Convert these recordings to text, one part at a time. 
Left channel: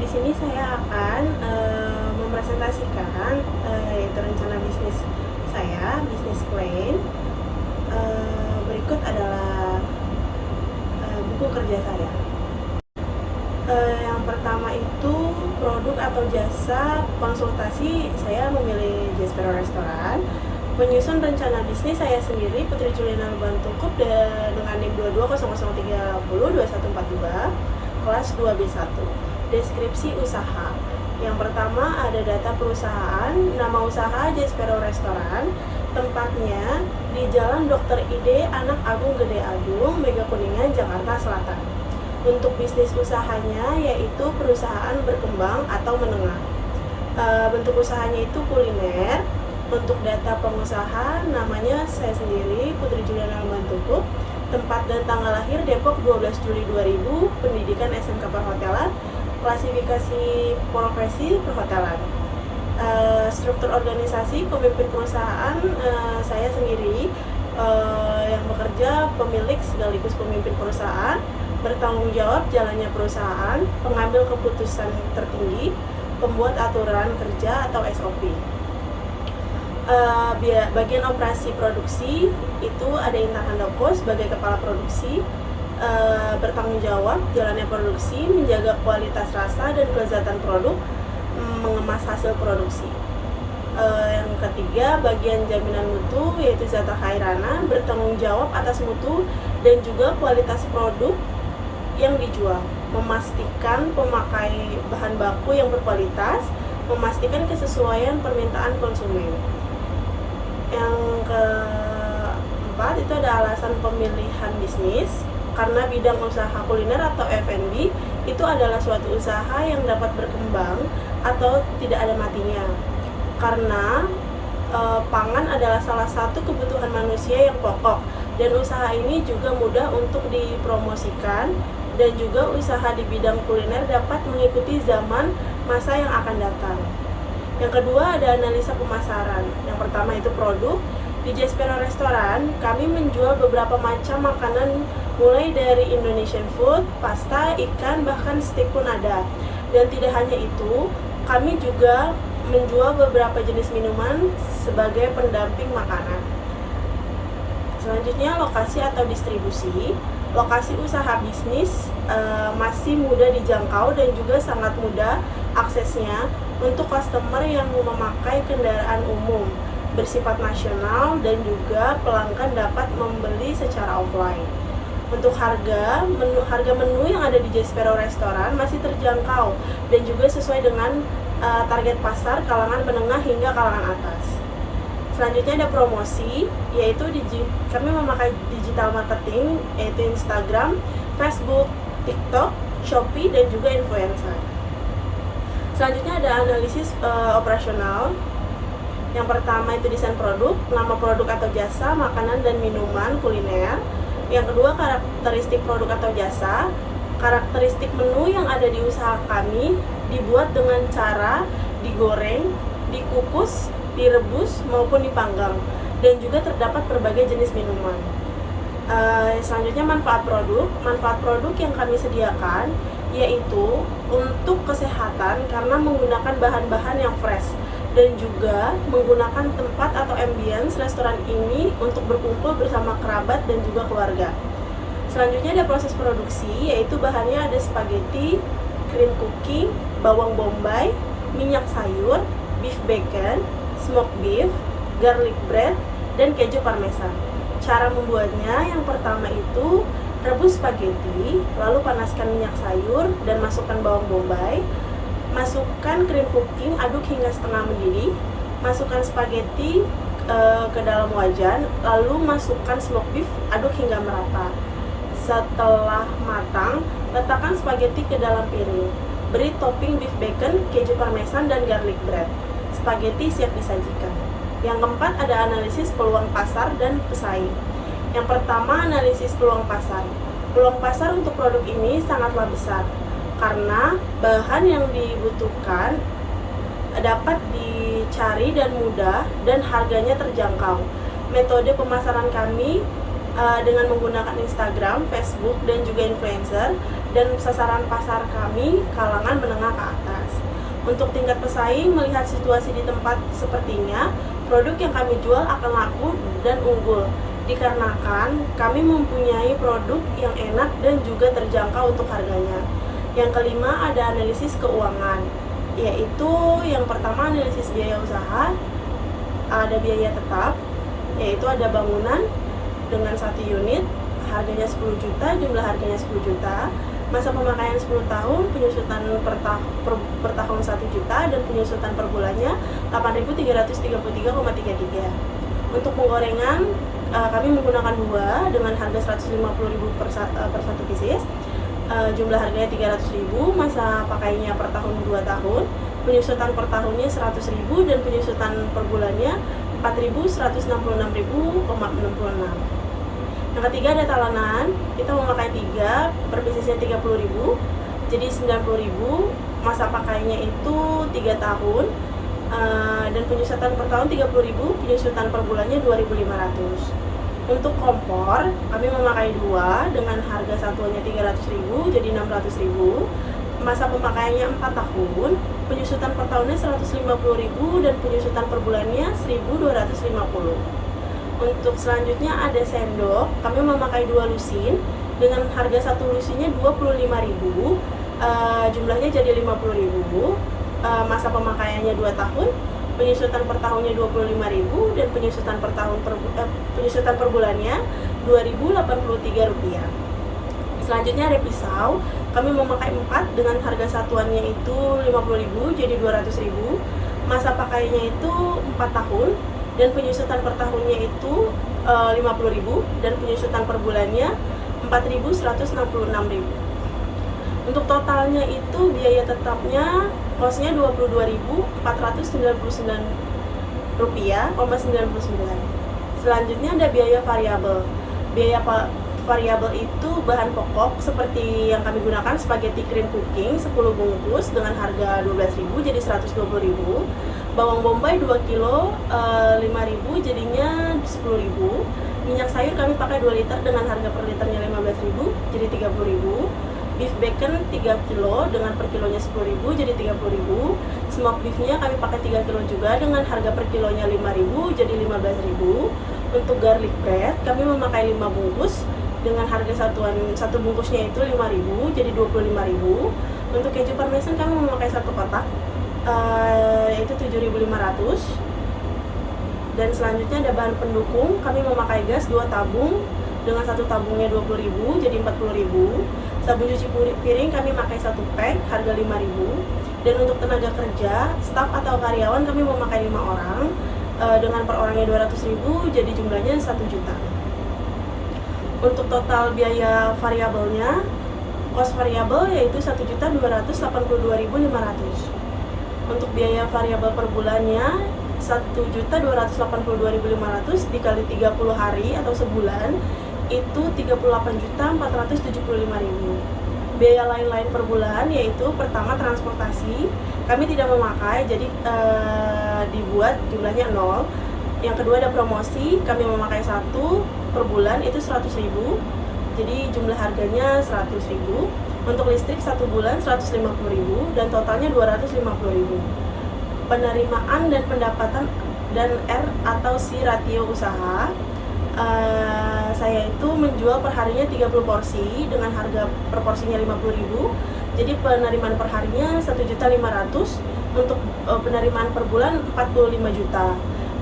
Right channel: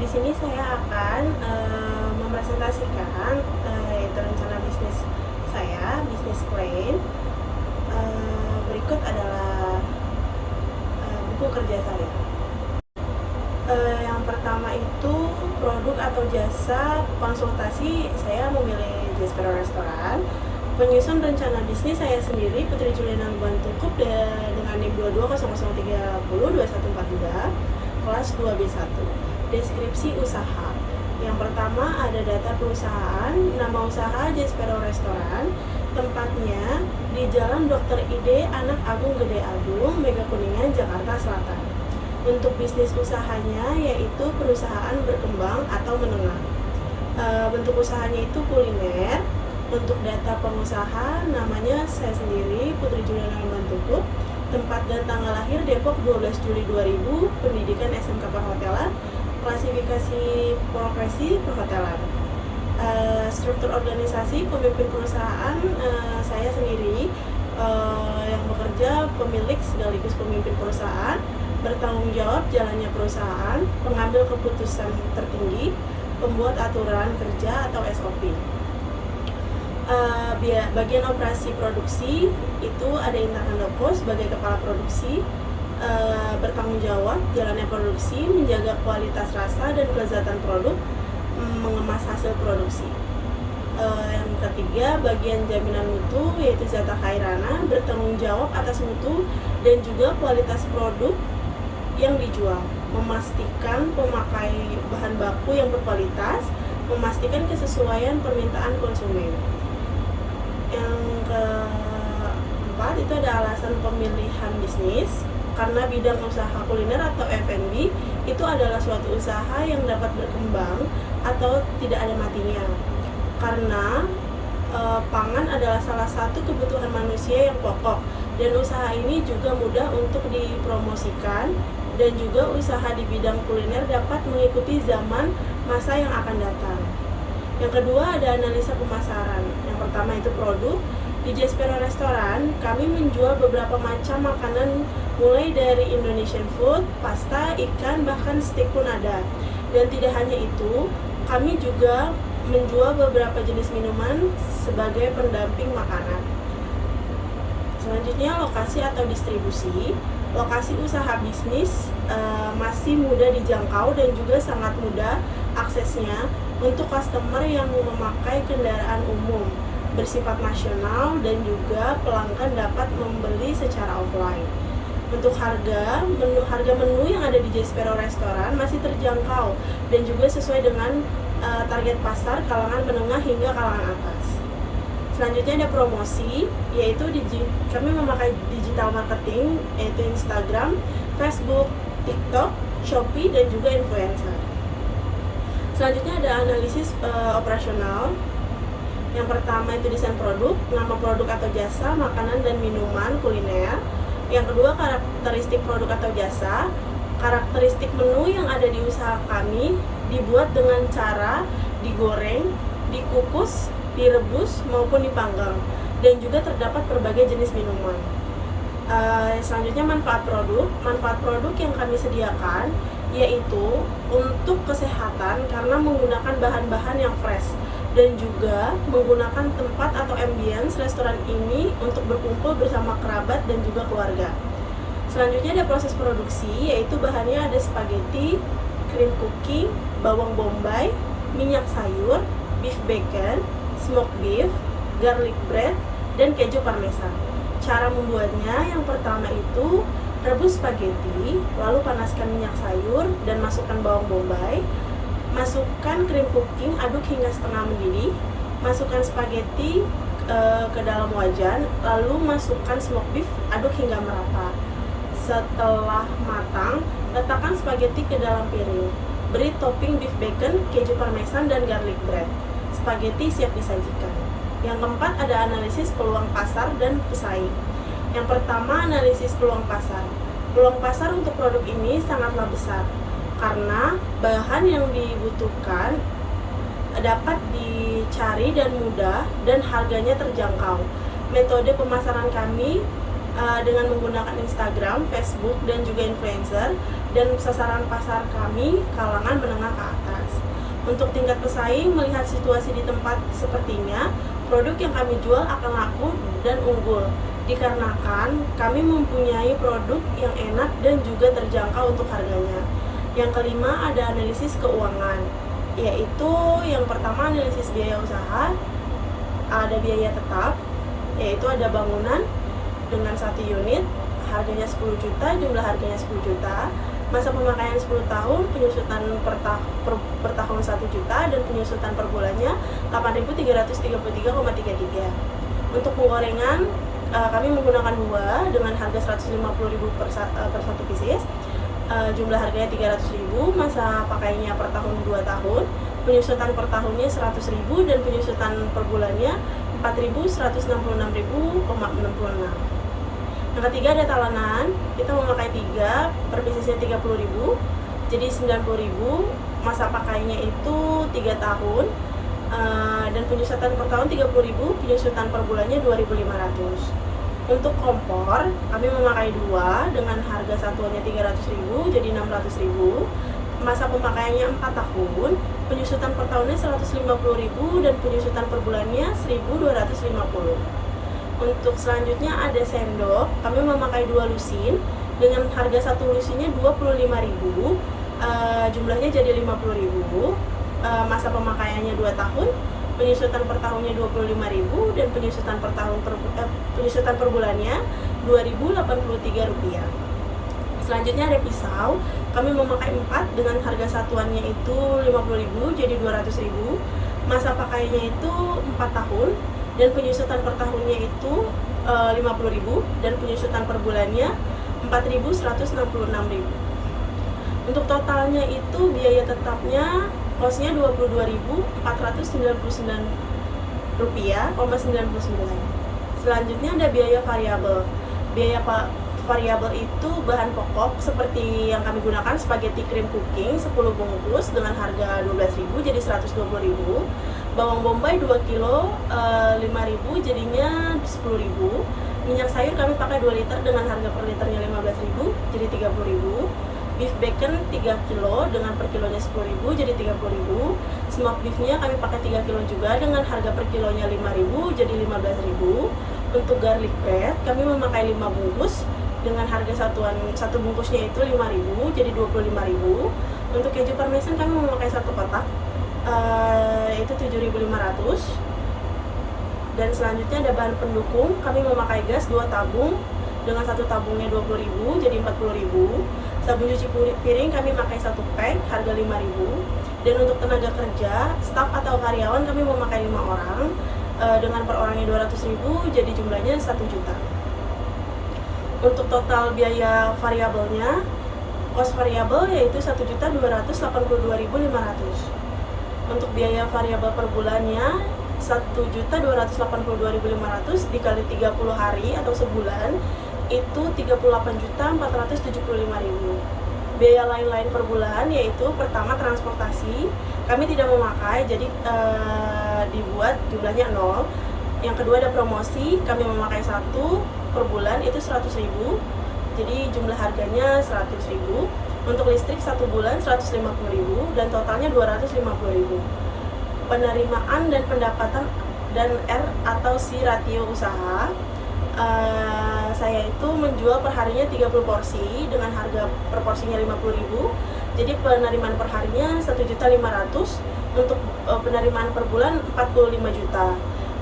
Di sini saya akan mempresentasikan yaitu rencana bisnis saya, bisnis plan. Berikut adalah buku kerja saya. Yang pertama itu produk atau jasa konsultasi, saya memilih Jespero Restoran. Penyusun rencana bisnis saya sendiri, Putri Juliana Lubantukup, dengan NIM 2200302142, kelas 2B1. Deskripsi usaha. Yang pertama ada data perusahaan, nama usaha Jespero Restoran, tempatnya di Jalan Dr. Ide Anak Agung Gede Agung, Mega Kuningan, Jakarta Selatan. Untuk bisnis usahanya yaitu perusahaan berkembang atau menengah. Bentuk usahanya itu kuliner. Untuk data pengusaha namanya saya sendiri, Putri Juliana Lubantukup. Tempat dan tanggal lahir Depok 12 Juli 2000, pendidikan SMK Perhotelan, klasifikasi profesi perhotelan. Struktur organisasi pemimpin perusahaan saya sendiri yang bekerja pemilik sekaligus pemimpin perusahaan, bertanggung jawab jalannya perusahaan, pengambil keputusan tertinggi, pembuat aturan kerja atau SOP. Bagian operasi produksi itu ada Intan Handoko sebagai kepala produksi, bertanggung jawab jalannya produksi, menjaga kualitas rasa dan kelezatan produk, mengemas hasil produksi. Yang ketiga, bagian jaminan mutu yaitu Zata Khairana, bertanggung jawab atas mutu dan juga kualitas produk yang dijual, memastikan pemakai bahan baku yang berkualitas, memastikan kesesuaian permintaan konsumen. Yang keempat itu ada alasan pemilihan bisnis, karena bidang usaha kuliner atau F&B itu adalah suatu usaha yang dapat berkembang atau tidak ada matinya. Karena pangan adalah salah satu kebutuhan manusia yang pokok, dan usaha ini juga mudah untuk dipromosikan, dan juga usaha di bidang kuliner dapat mengikuti zaman masa yang akan datang. Yang kedua ada analisa pemasaran. Yang pertama itu produk. Di Jespero Restoran, kami menjual beberapa macam makanan mulai dari Indonesian food, pasta, ikan, bahkan steak pun ada. Dan tidak hanya itu, kami juga menjual beberapa jenis minuman sebagai pendamping makanan. Selanjutnya lokasi atau distribusi. Lokasi usaha bisnis masih mudah dijangkau dan juga sangat mudah aksesnya untuk customer yang memakai kendaraan umum, bersifat nasional, dan juga pelanggan dapat membeli secara offline. Untuk harga menu yang ada di Jespero Restoran masih terjangkau dan juga sesuai dengan target pasar kalangan menengah hingga kalangan atas. Selanjutnya ada promosi, yaitu kami memakai digital marketing, yaitu Instagram, Facebook, TikTok, Shopee, dan juga influencer. Selanjutnya ada analisis operasional. Yang pertama itu desain produk, nama produk atau jasa, makanan dan minuman kuliner. Yang kedua karakteristik produk atau jasa. Karakteristik menu yang ada di usaha kami dibuat dengan cara digoreng, dikukus, direbus maupun dipanggang, dan juga terdapat berbagai jenis minuman. Selanjutnya manfaat produk yang kami sediakan yaitu untuk kesehatan karena menggunakan bahan-bahan yang fresh, dan juga menggunakan tempat atau ambience restoran ini untuk berkumpul bersama kerabat dan juga keluarga. Selanjutnya ada proses produksi, yaitu bahannya ada spaghetti, cream cooking, bawang bombay, minyak sayur, beef bacon, smoked beef, garlic bread, dan keju parmesan. Cara membuatnya, yang pertama itu rebus spaghetti, lalu panaskan minyak sayur dan masukkan bawang bombay. Masukkan cream cooking, aduk hingga setengah mendidih. Masukkan spaghetti ke dalam wajan, lalu masukkan smoked beef, aduk hingga merata. Setelah matang, letakkan spaghetti ke dalam piring. Beri topping beef bacon, keju parmesan, dan garlic bread. Spaghetti siap disajikan. Yang keempat ada analisis peluang pasar dan pesaing. Yang pertama, analisis peluang pasar. Peluang pasar untuk produk ini sangatlah besar, karena bahan yang dibutuhkan dapat dicari dan mudah, dan harganya terjangkau. Metode pemasaran kami dengan menggunakan Instagram, Facebook, dan juga influencer, dan sasaran pasar kami kalangan menengah ke atas. Untuk tingkat pesaing, melihat situasi di tempat sepertinya, produk yang kami jual akan laku dan unggul, dikarenakan kami mempunyai produk yang enak dan juga terjangkau untuk harganya. Yang kelima, ada analisis keuangan, yaitu yang pertama analisis biaya usaha, ada biaya tetap, yaitu ada bangunan dengan 1 unit, harganya 10 juta, jumlah harganya 10 juta, masa pemakaian 10 tahun, penyusutan per tahun 1 juta, dan penyusutan per bulannya 8.333,33. Untuk penggorengan, kami menggunakan 2 dengan harga 150.000 per 1 pieces, jumlah harganya 300.000, masa pakainya per tahun 2 tahun, penyusutan per tahunnya 100.000, dan penyusutan per bulannya 4.166.000,66. Yang ketiga ada talenan, kita memakai 3, per piecesnya 30.000, jadi 90.000, masa pakainya itu 3 tahun, dan penyusutan per tahun 30.000, penyusutan per bulannya 2.500. Untuk kompor, kami memakai 2 dengan harga satuannya 300.000, jadi 600.000, masa pemakaiannya 4 tahun, penyusutan per tahunnya 150.000, dan penyusutan per bulannya 1.250. Untuk selanjutnya ada sendok, kami memakai 2 lusin dengan harga 1 lusinnya 25.000, jumlahnya jadi 50.000, masa pemakaiannya 2 tahun, penyusutan per tahunnya 25.000, dan penyusutan per bulannya Rp2.083. Selanjutnya ada pisau, kami memakai 4 dengan harga satuannya itu 50.000, jadi 200.000, masa pakainya itu 4 tahun, dan penyusutan per tahunnya itu 50.000, dan penyusutan per bulannya 4.166.000. Untuk totalnya itu biaya tetapnya kosnya Rp22.499,99. Selanjutnya ada biaya variabel. Biaya variabel itu bahan pokok seperti yang kami gunakan spaghetti cream cooking 10 bungkus dengan harga 12.000 jadi 120.000. Bawang bombay 2 kilo 5.000 jadinya 10.000. Minyak sayur kami pakai 2 liter dengan harga per liternya 15.000 jadi 30.000. Beef bacon 3 kilo dengan per kilonya 10.000 jadi 30.000. Smoke beefnya kami pakai 3 kilo juga dengan harga per kilonya 5.000 jadi 15.000. Untuk garlic bread kami memakai 5 bungkus dengan harga satu bungkusnya itu 5.000 jadi 25.000. Untuk keju parmesan kami memakai 1 kotak yaitu 7.500. Dan selanjutnya ada bahan pendukung, kami memakai gas 2 tabung dengan 1 tabungnya 20.000 jadi 40.000. Sabun cuci piring kami pakai 1 pack harga 5.000. Dan untuk tenaga kerja, staf atau karyawan kami memakai 5 orang dengan per orangnya 200.000 jadi jumlahnya 1 juta. Untuk total biaya variabelnya, cost variabel yaitu 1.282.500. Untuk biaya variabel per bulannya 1.282.500 dikali 30 hari atau sebulan itu 38.475.000. Biaya lain-lain per bulan yaitu pertama transportasi kami tidak memakai jadi dibuat jumlahnya 0. Yang kedua ada promosi, kami memakai 1 per bulan itu 100.000 jadi jumlah harganya 100.000. Untuk listrik 1 bulan 150.000 dan totalnya 250.000. Penerimaan dan pendapatan dan R atau C ratio usaha, saya itu menjual perharinya 30 porsi dengan harga per porsinya 50.000 jadi penerimaan perharinya 1.500.000. Untuk penerimaan per bulan 45 juta.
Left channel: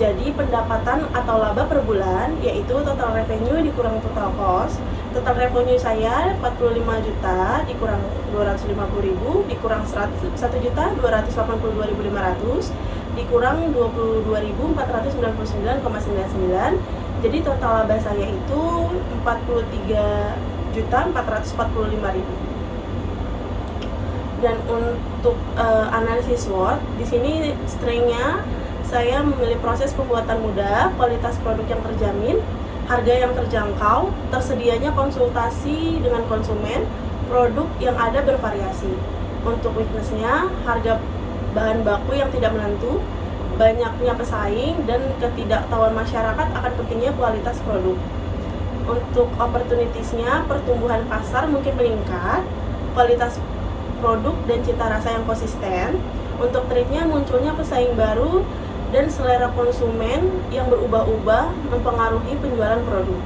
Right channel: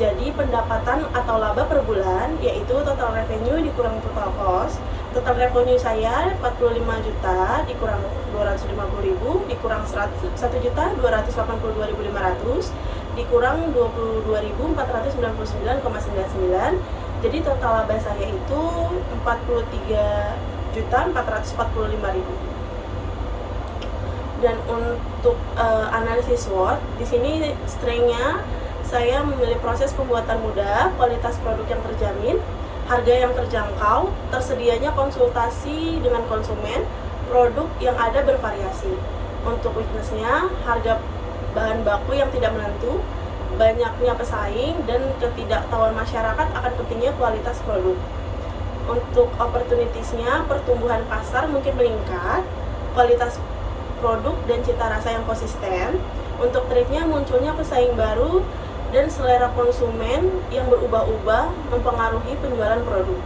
Jadi pendapatan atau laba per bulan yaitu total revenue dikurang total cost. Total revenue saya 45 juta dikurang 250.000 dikurang 1.282.500 dikurang 22.499,99. Jadi total laba saya itu 43.445.000. Dan untuk analisis SWOT di sini strength-nya saya memilih proses pembuatan mudah, kualitas produk yang terjamin, harga yang terjangkau, tersedianya konsultasi dengan konsumen, produk yang ada bervariasi. Untuk weakness-nya, harga bahan baku yang tidak menentu, banyaknya pesaing, dan ketidaktahuan masyarakat akan pentingnya kualitas produk. Untuk opportunities-nya, pertumbuhan pasar mungkin meningkat, kualitas produk dan cita rasa yang konsisten. Untuk triknya, munculnya pesaing baru dan selera konsumen yang berubah-ubah mempengaruhi penjualan produk.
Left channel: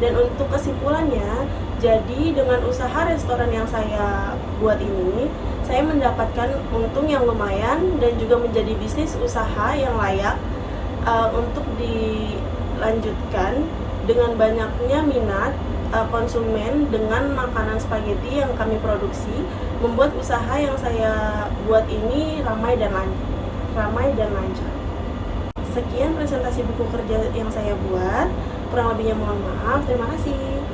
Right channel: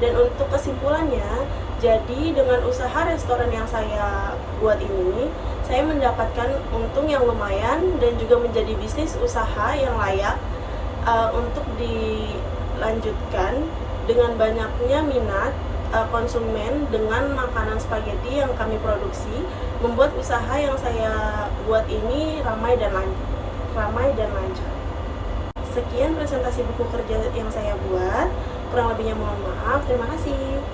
Dan untuk kesimpulannya, jadi dengan usaha restoran yang saya buat ini, saya mendapatkan untung yang lumayan dan juga menjadi bisnis usaha yang layak untuk dilanjutkan dengan banyaknya minat konsumen dengan makanan spaghetti yang kami produksi, membuat usaha yang saya buat ini ramai dan lancar. Sekian presentasi buku kerja yang saya buat. Kurang lebihnya mohon maaf. Terima kasih.